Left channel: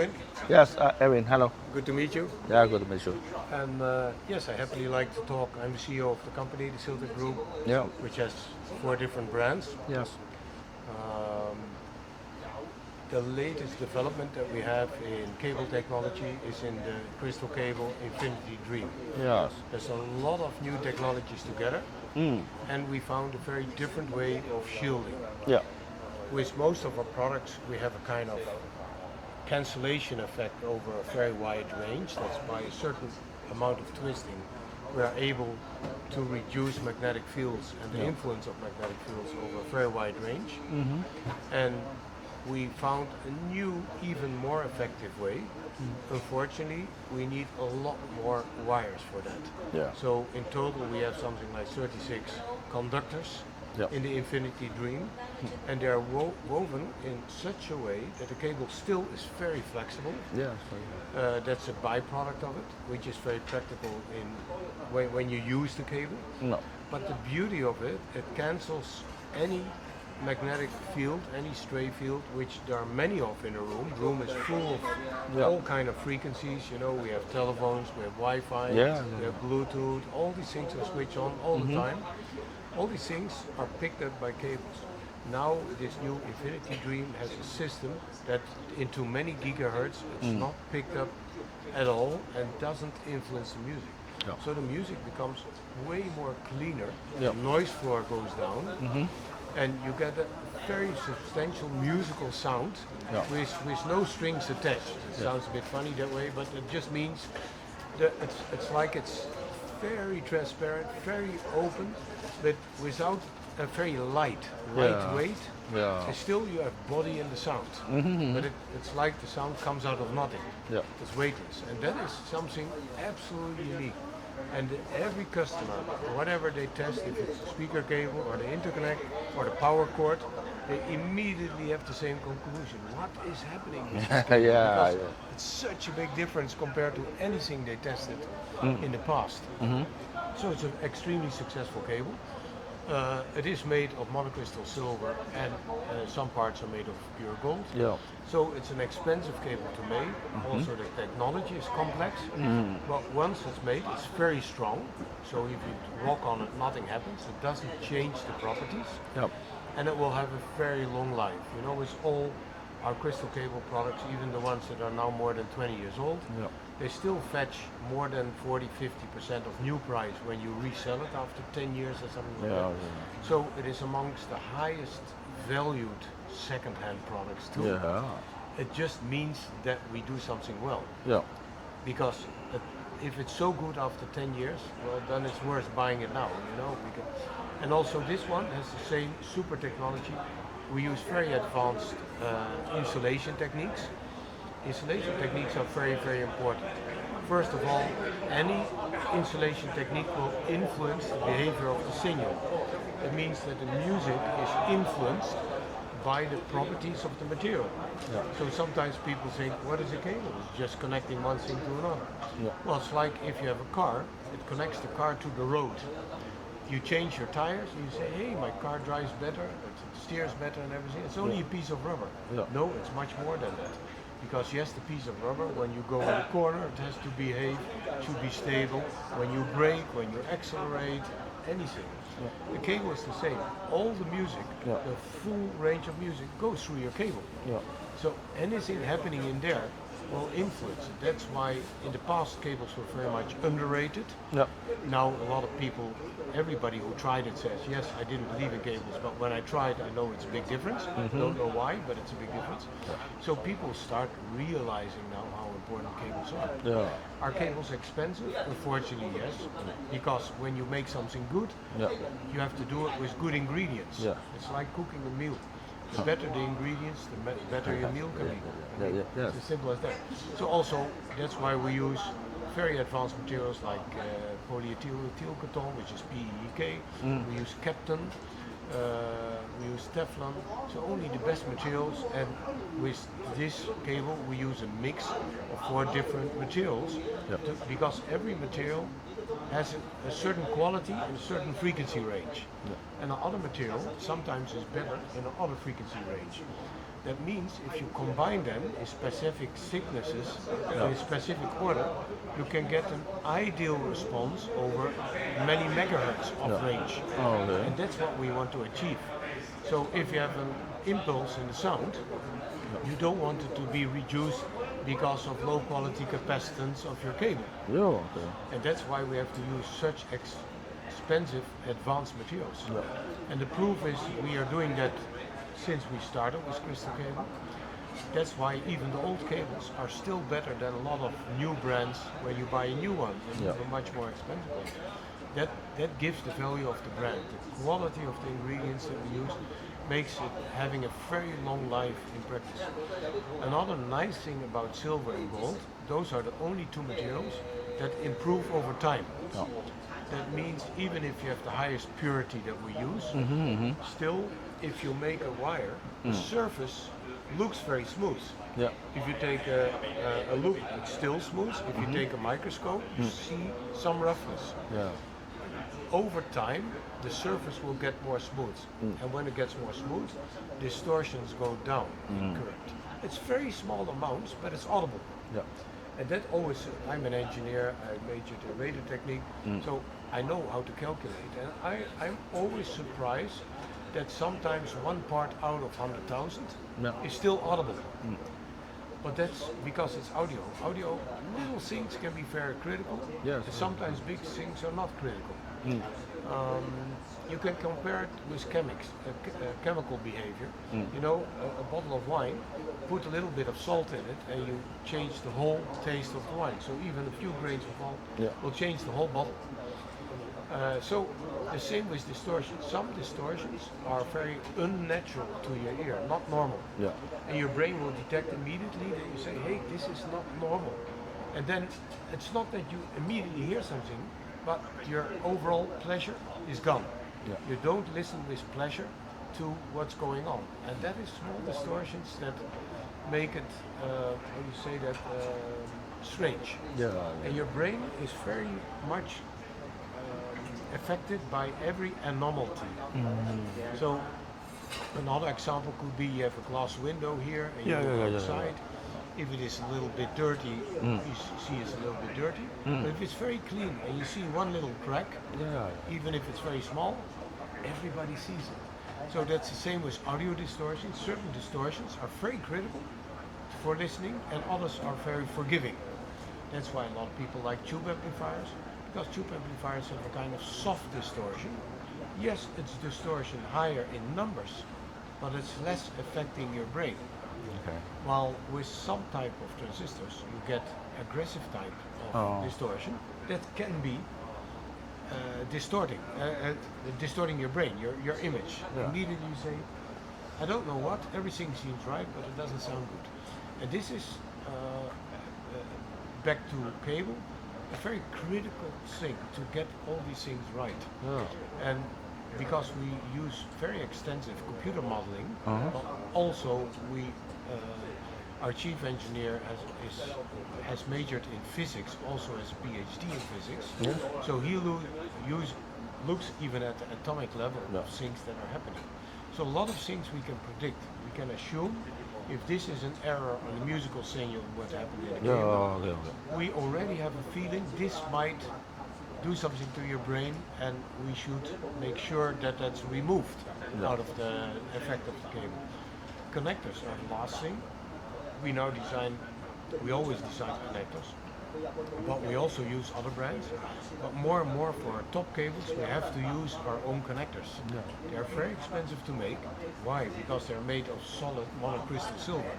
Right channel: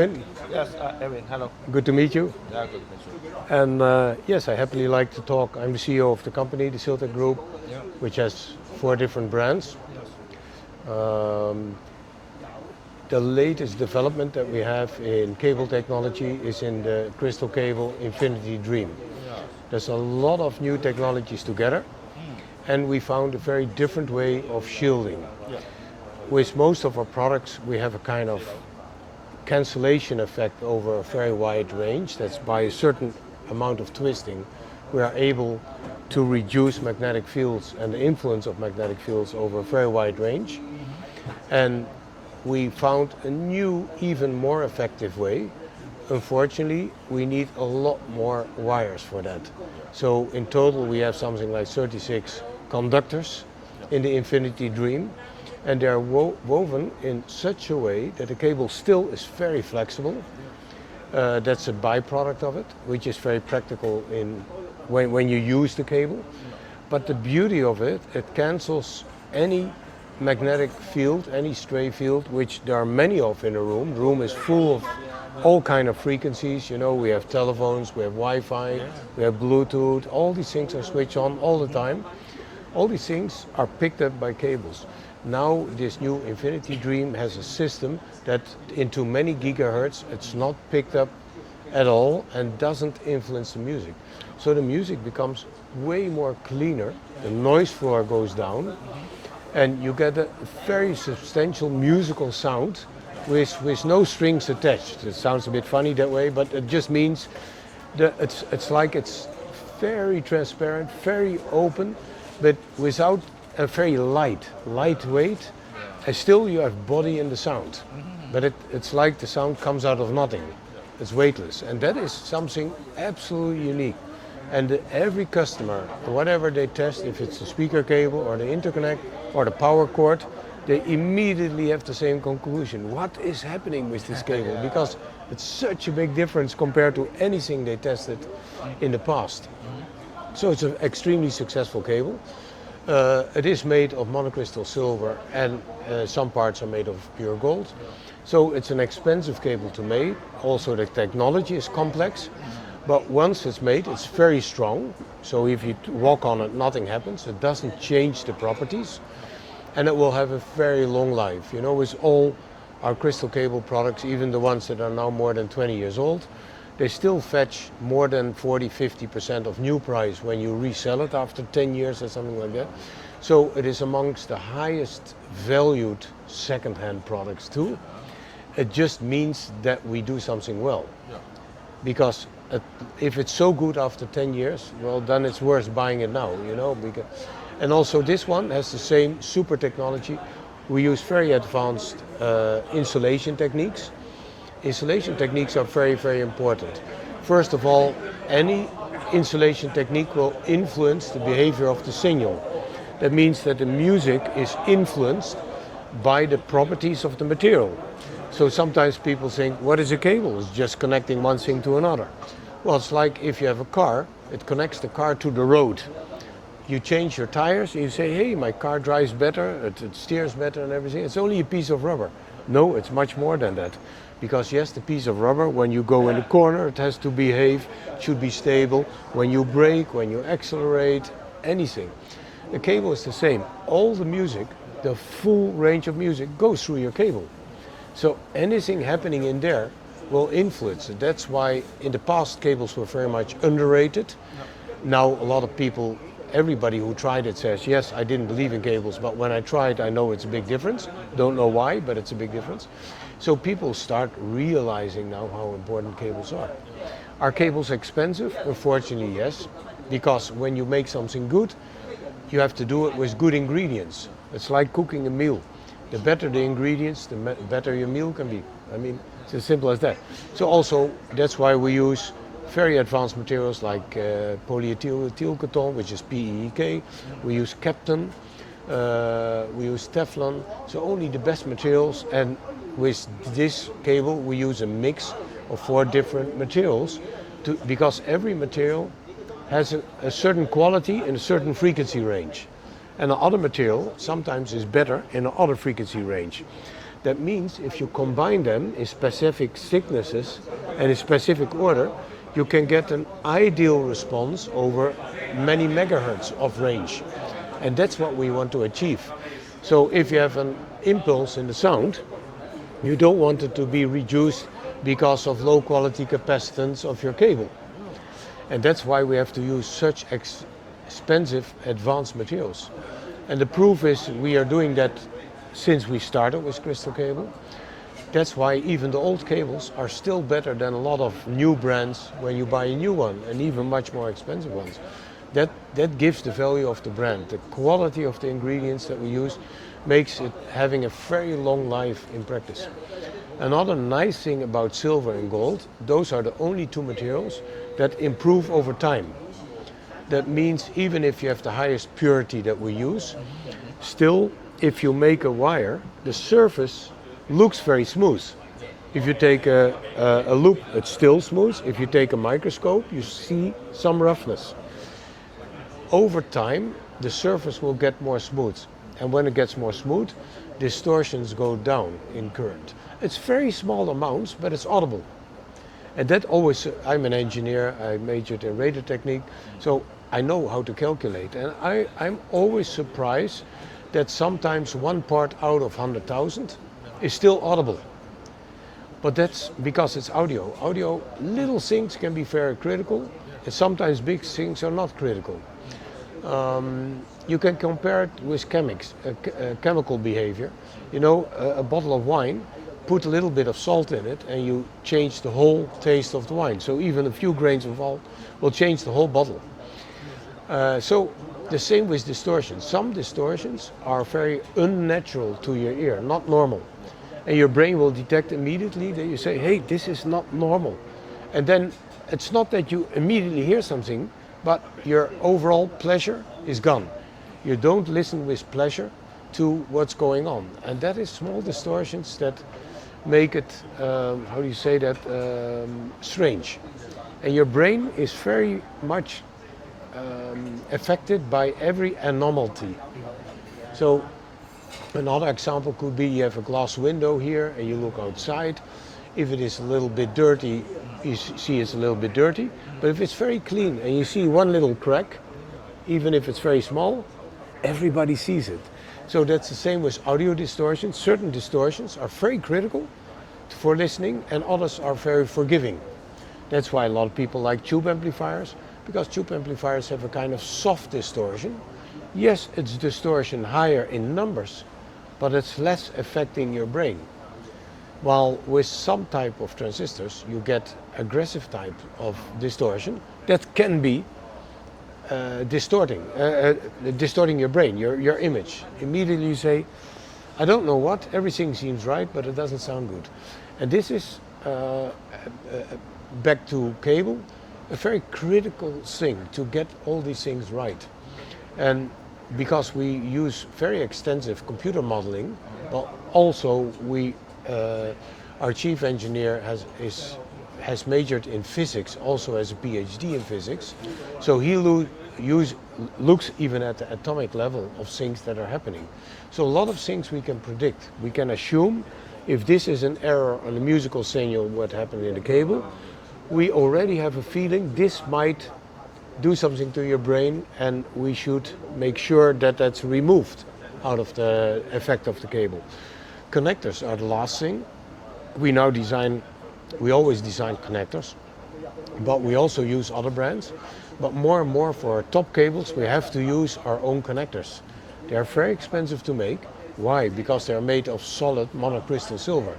Edwin. Yes, Edwin, hello. Good to meet you. Yeah, good to meet you. And yes, I happily like to talk. I'm the CEO of the company, the Siltec Group, which has 4 different brands. Yes. The latest development that we have in cable technology is in the CRYSTAL cable Infinity Dream. Yes. There's a lot of new technologies together, and we found a very different way of shielding. Yeah. With most of our products, we have a kind of cancellation effect over a very wide range. That's by a certain amount of twisting, we are able to reduce magnetic fields and the influence of magnetic fields over a very wide range. And we found a new, even more effective way. Unfortunately, we need a lot more wires for that. Yeah. So in total, we have something like 36 conductors in the Infinity Dream, and they're woven in such a way that the cable still is very flexible. Yeah. That's a byproduct of it, which is very practical in when you use the cable. No. But the beauty of it, it cancels any magnetic field, any stray field, which there are many of in a room. The room is full of all kind of frequencies. You know, we have telephones, we have Wi-Fi, we have Bluetooth. All these things are switched on all the time. All these things are picked up by cables. Now this new Infinity Dream has a system that into many gigahertz, it's not picked up at all and doesn't influence the music. So the music becomes way more cleaner, the noise floor goes down, and you get a very substantial musical sound with no strings attached. It sounds a bit funny that way, but it just means that it's like it's very transparent, very open, but without a very lightweight, and still you have body in the sound. But it's like the sound comes out of nothing. It's weightless, and that is something absolutely unique. And every customer, whatever they test, if it's the speaker cable or the interconnect or the power cord, they immediately have the same conclusion. What is happening with this cable? Because it's such a big difference compared to anything they tested in the past. So it's an extremely successful cable. It is made of monocrystal silver, and some parts are made of pure gold. So it's an expensive cable to make. Also the technology is complex, but once it's made, it's very strong. So if you walk on it, nothing happens. It doesn't change the properties, and it will have a very long life. You know, with all our CRYSTAL cable products, even the ones that are now more than 20 years old, they still fetch more than 40-50% of new price when you resell it after 10 years or something like that. So it is amongst the highest valued second-hand products too. It just means that we do something well. Because if it's so good after 10 years, well, then it's worth buying it now, you know. And also this one has the same super technology. We use very advanced insulation techniques. Insulation techniques are very, very important. First of all, any insulation technique will influence the behavior of the signal. That means that the music is influenced by the properties of the material. So sometimes people think, what is a cable? It's just connecting one thing to another. Well, it's like if you have a car, it connects the car to the road. You change your tires, and you say, hey, my car drives better, it steers better and everything. It's only a piece of rubber. No, it's much more than that. Because yes, the piece of rubber, when you go in the corner, it has to behave, should be stable. When you brake, when you accelerate, anything. The cable is the same. All the music, the full range of music goes through your cable. So anything happening in there will influence it. That's why in the past cables were very much underrated. Now a lot of people, everybody who tried it says, yes, I didn't believe in cables, but when I tried, I know it's a big difference. Don't know why, but it's a big difference. So people start realizing now how important cables are. Are cables expensive? Unfortunately, yes. Because when you make something good, you have to do it with good ingredients. It's like cooking a meal. The better the ingredients, the better your meal can be. I mean, it's as simple as that. So also, that's why we use very advanced materials like polyethyl cotton, which is PEEK. We use Kapton, we use Teflon. So only the best materials, and with this cable we use a mix of 4 different materials because every material has a certain quality and a certain frequency range. And the other material sometimes is better in another frequency range. That means if you combine them in specific thicknesses and in specific order, you can get an ideal response over many megahertz of range. And that's what we want to achieve. So if you have an impulse in the sound, you don't want it to be reduced because of low quality capacitance of your cable. And that's why we have to use such expensive advanced materials. And the proof is we are doing that since we started with Crystal Cable. That's why even the old cables are still better than a lot of new brands when you buy a new one, and even much more expensive ones. That gives the value of the brand. The quality of the ingredients that we use makes it having a very long life in practice. Another nice thing about silver and gold, those are the only two materials that improve over time. That means even if you have the highest purity that we use, still if you make a wire, the surface looks very smooth. If you take a loop, it's still smooth. If you take a microscope, you see some roughness. Over time, the surface will get more smooth. And when it gets more smooth, distortions go down in current. It's very small amounts, but it's audible. And that always, I'm an engineer, I majored in radio technique, so I know how to calculate. And I'm always surprised that sometimes one part out of 100,000 is still audible. But that's because it's audio. Audio, little things can be very critical, and sometimes big things are not critical. You can compare it with chemical behavior. You know, a bottle of wine, put a little bit of salt in it and you change the whole taste of the wine. So even a few grains of salt will change the whole bottle. So the same with distortions. Some distortions are very unnatural to your ear, not normal. And your brain will detect immediately that you say, hey, this is not normal. And then it's not that you immediately hear something, but your overall pleasure is gone. You don't listen with pleasure to what's going on. And that is small distortions that make it, how do you say that, strange. And your brain is very much affected by every anomaly. So another example could be you have a glass window here and you look outside. If it is a little bit dirty, you see it's a little bit dirty. But if it's very clean and you see one little crack, even if it's very small, everybody sees it. So that's the same with audio distortions. Certain distortions are very critical for listening and others are very forgiving. That's why a lot of people like tube amplifiers, because tube amplifiers have a kind of soft distortion. Yes, it's distortion higher in numbers, but it's less affecting your brain. While with some type of transistors, you get aggressive type of distortion that can be distorting your brain, your image. Immediately you say, I don't know what, everything seems right, but it doesn't sound good. And this is, back to cable, a very critical thing to get all these things right. And because we use very extensive computer modeling, but also our chief engineer has majored in physics, also has a PhD in physics. So he looks even at the atomic level of things that are happening. So a lot of things we can predict. We can assume if this is an error on the musical signal, what happened in the cable, we already have a feeling this might do something to your brain and we should make sure that that's removed out of the effect of the cable. Connectors are the last thing. We always design connectors, but we also use other brands. But more and more for our top cables, we have to use our own connectors. They are very expensive to make. Why? Because they are made of solid monocrystal silver.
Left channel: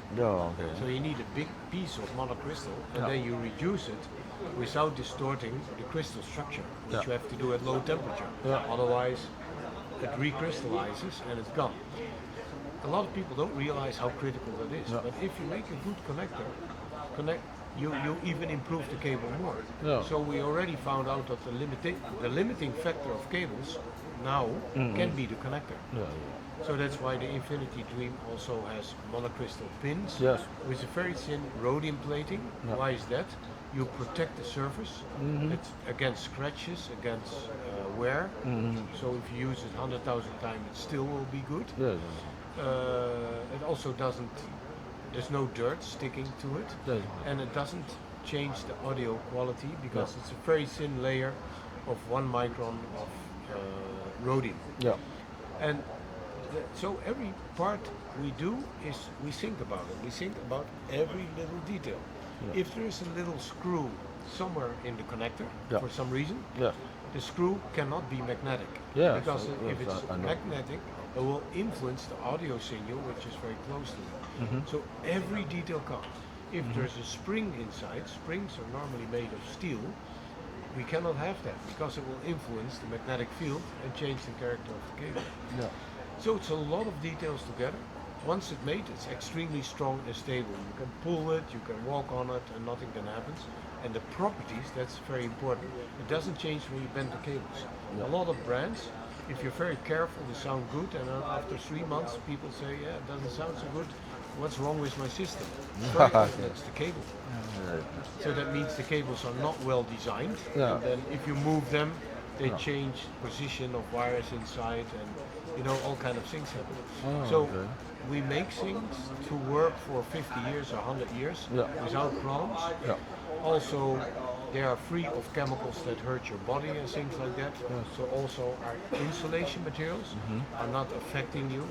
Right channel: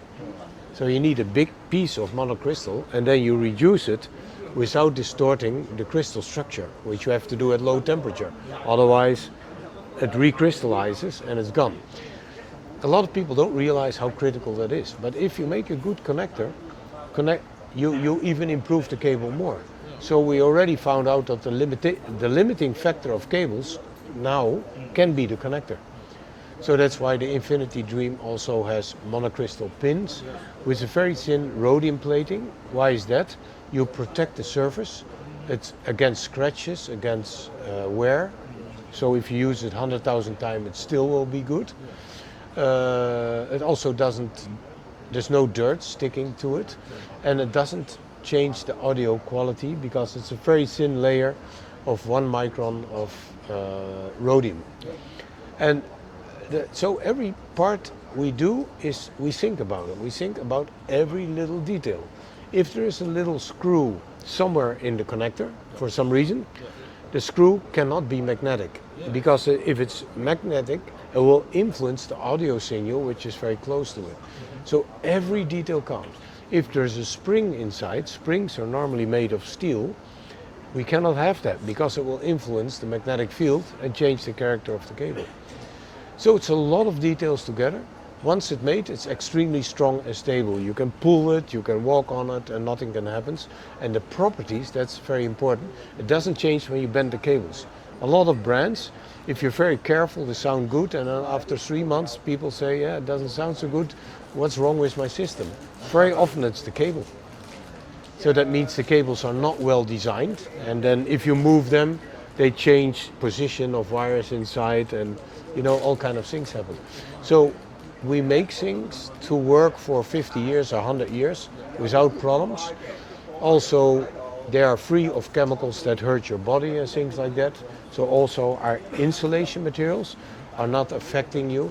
So you need a big piece of monocrystal and then you reduce it without distorting the crystal structure, which you have to do at low temperature. Otherwise, it recrystallizes and it's gone. A lot of people don't realize how critical that is. But if you make a good connector, you even improve the cable more. So we already found out that the limiting factor of cables now can be the connector. So that's why the Infinity Dream also has monocrystal pins with a very thin rhodium plating. Why is that? You protect the surface. It's against scratches, against wear. So if you use it 100,000 times, it still will be good. It also doesn't, there's no dirt sticking to it, and it doesn't change the audio quality because it's a very thin layer of 1 micron of rhodium. Yeah. And so every part we do is we think about it. We think about every little detail. If there is a little screw somewhere in the connector for some reason, the screw cannot be magnetic. Because if it's magnetic, it will influence the audio signal, which is very close to it. So every detail counts. If there's a spring inside, springs are normally made of steel, we cannot have that because it will influence the magnetic field and change the character of the cable. So it's a lot of details together. Once it's made, it's extremely strong and stable. You can pull it, you can walk on it, and nothing can happen. And the properties, that's very important. It doesn't change when you bend the cables. A lot of brands, if you're very careful, they sound good, and then after 3 months, people say, yeah, it doesn't sound so good. What's wrong with my system? Very often it's the cable. So that means the cables are not well designed, and then if you move them, they change position of wires inside, and you know, all kind of things happen. So we make things to work for 50 years or 100 years without problems. Also, they are free of chemicals that hurt your body and things like that. So also our insulation materials are not affecting you.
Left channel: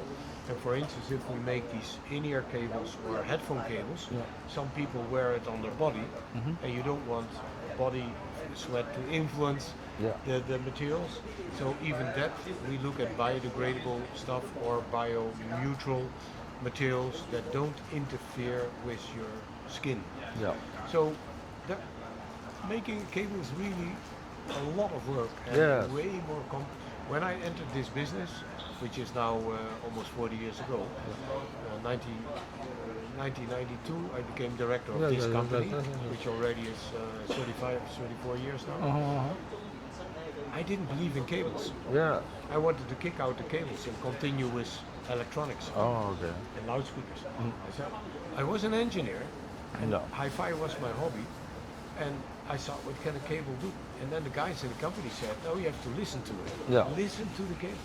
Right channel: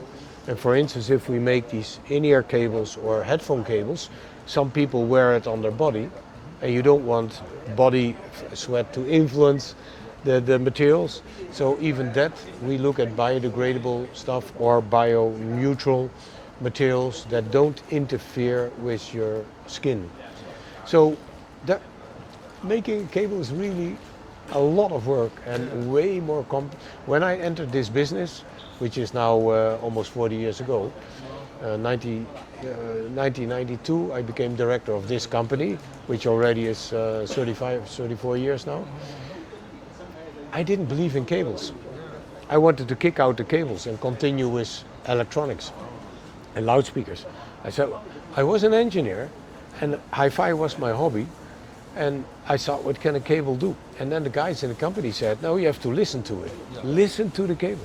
And for instance, if we make these in-ear cables or headphone cables, some people wear it on their body, and you don't want body sweat to influence the materials. So even that, we look at biodegradable stuff or bio-neutral materials that don't interfere with your skin. So that making a cable is really a lot of work and way more When I entered this business, which is now almost 40 years ago, 1992, I became director of this company, which already is 34 years now. I didn't believe in cables. I wanted to kick out the cables and continue with electronics and loudspeakers. I was an engineer, and hi-fi was my hobby. And I thought, what can a cable do? And then the guys in the company said, no, you have to listen to it. Listen to the cable.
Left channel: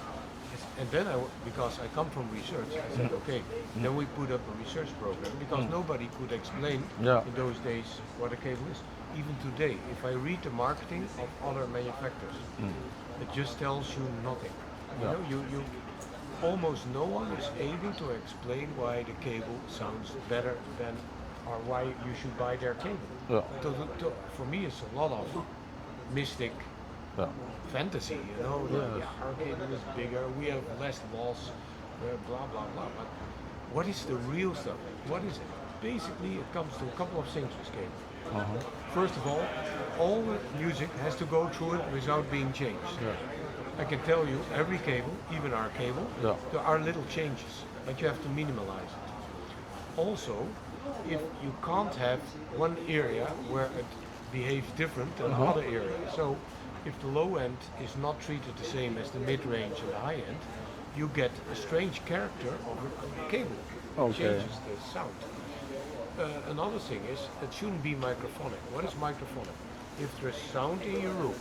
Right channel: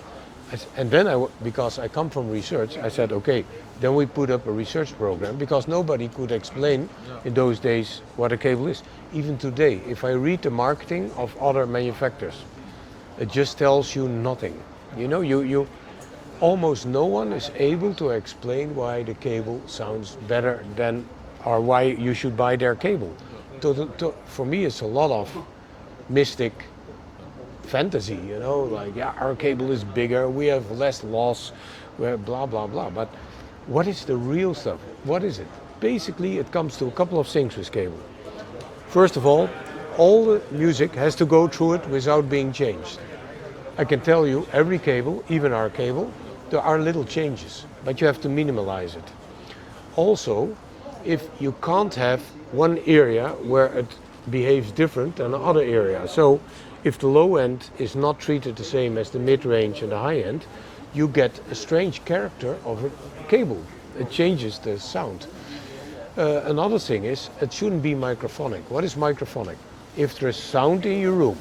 And then, because I come from research, I said, okay, then we put up a research program because nobody could explain in those days what a cable is. Even today, if I read the marketing of other manufacturers, it just tells you nothing. You know, you almost no one is able to explain why the cable sounds better than, or why you should buy their cable. For me, it's a lot of mystic fantasy, you know, like, yeah, our cable is bigger, we have less loss, blah, blah, blah. But what is the real stuff? What is it? Basically, it comes to a couple of things with cable. First of all the music has to go through it without being changed. I can tell you, every cable, even our cable, there are little changes, but you have to minimalize it. Also, if you can't have one area where it behaves different than another area. So if the low end is not treated the same as the mid-range and the high end, you get a strange character of a cable. It changes the sound. Another thing is, it shouldn't be microphonic. What is microphonic? If there's sound in your room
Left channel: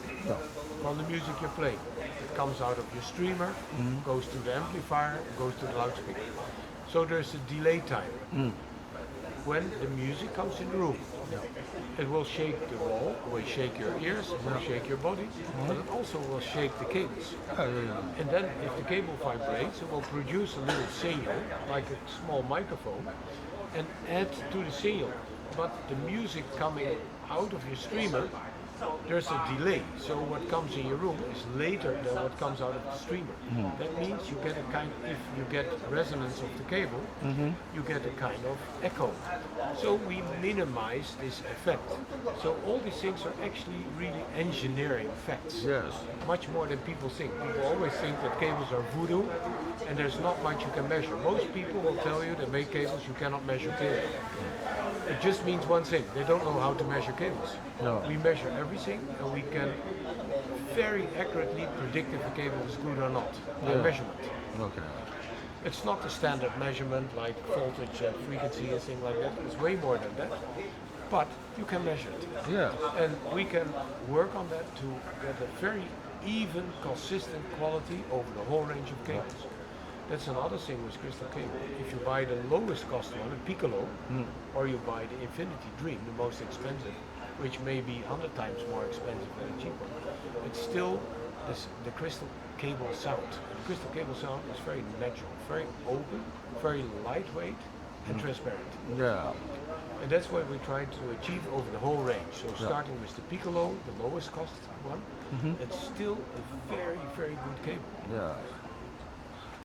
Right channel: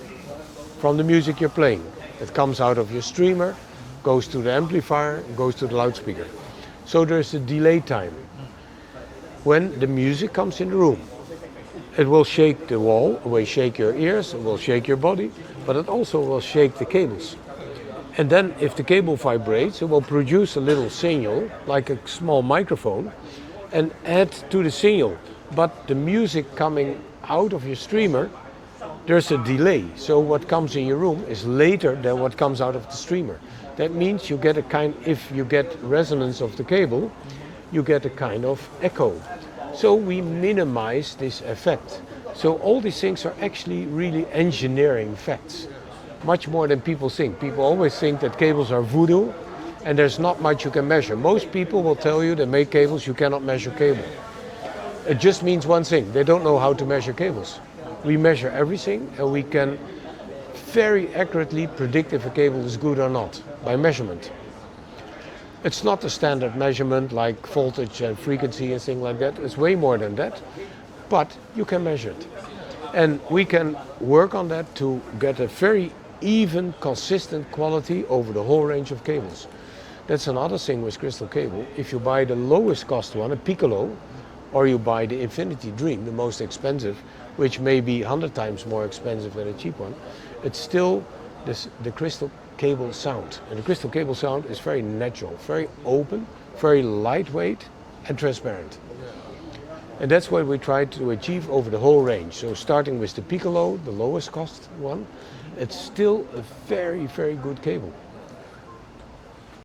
from the music you're playing, it comes out of your streamer, goes to the amplifier, goes to the loudspeaker. So there's a delay time. When the music comes in the room, it will shake the wall, it will shake your ears, it will shake your body, but it also will shake the cables. And then if the cable vibrates, it will produce a little signal, like a small microphone, and add to the signal. But the music coming out of your streamer, there's a delay. So what comes in your room is later than what comes out of the streamer. That means you get if you get resonance of the cable, you get a kind of echo. So we minimize this effect. So all these things are actually really engineering facts. Much more than people think. People always think that cables are voodoo and there's not much you can measure. Most people will tell you they make cables, you cannot measure cable. It just means one thing, they don't know how to measure cables. We measure everything and we can very accurately predict if a cable is good or not by measurement. It's not a standard measurement like voltage and frequency and things like that. It's way more than that, but you can measure it. And we can work on that to get a very even, consistent quality over the whole range of cables. That's another thing with Crystal Cable. If you buy the lowest cost one, a Piccolo, or you buy the Infinity Dream, the most expensive, which may be 100 times more expensive than a cheap one, it's still the Crystal Cable sound. And the Crystal Cable sound is very natural, very open, very lightweight and transparent. Yeah. And that's what we try to achieve over the whole range. So starting with the Piccolo, the lowest cost one, it's still a very, very good cable. Yeah.